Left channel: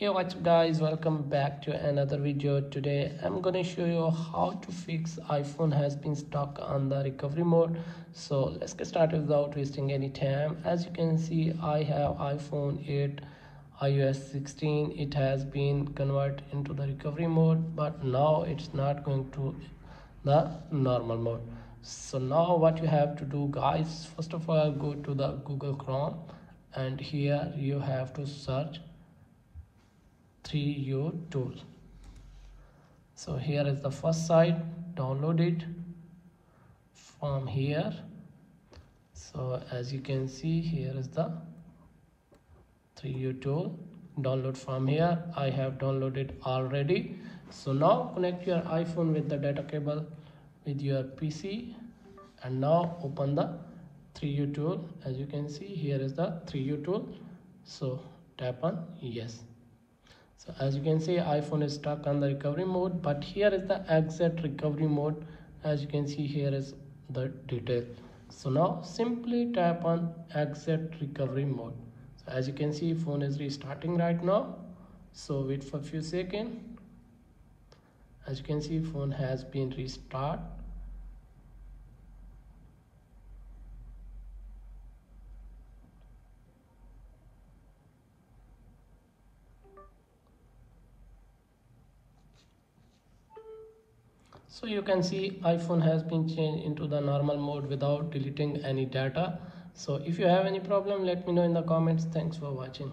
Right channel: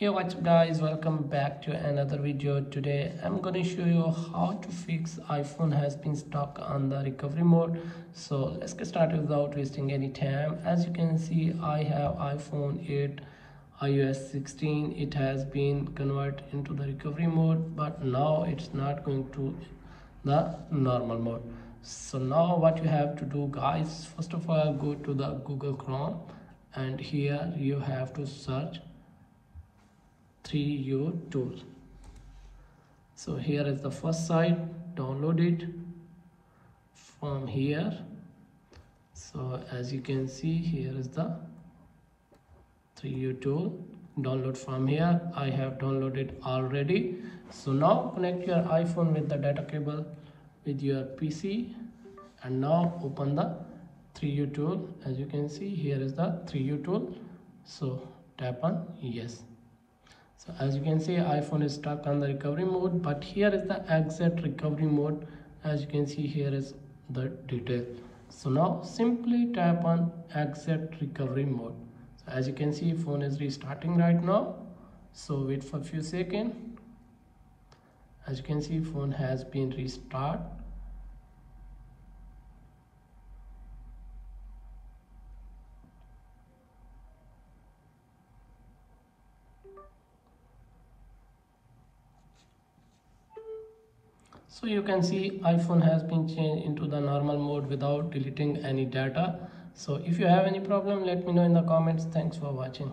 Hey, what's up guys, welcome back to another video. Today I'm gonna show you how to fix iPhone has been stuck on the recovery mode. So let's get started without wasting any time. As you can see, I have iPhone 8 iOS 16. It has been converted into the recovery mode, but now it's not going to the normal mode. So now what you have to do guys, first of all go to the Google Chrome, and here you have to search 3U tool. So here is the first site, download it from here. So as you can see, here is the 3U tool, download from here. I have downloaded already. So now connect your iPhone with the data cable with your PC, and now open the 3U tool. As you can see, here is the 3U tool. So tap on yes. So as you can see, iPhone is stuck on the recovery mode, but here is the exit recovery mode. As you can see, here is the detail. So now simply tap on exit recovery mode. So as you can see, phone is restarting right now. So wait for a few seconds. As you can see, phone has been restarted. So you can see iPhone has been changed into the normal mode without deleting any data. So if you have any problem, let me know in the comments. Thanks for watching.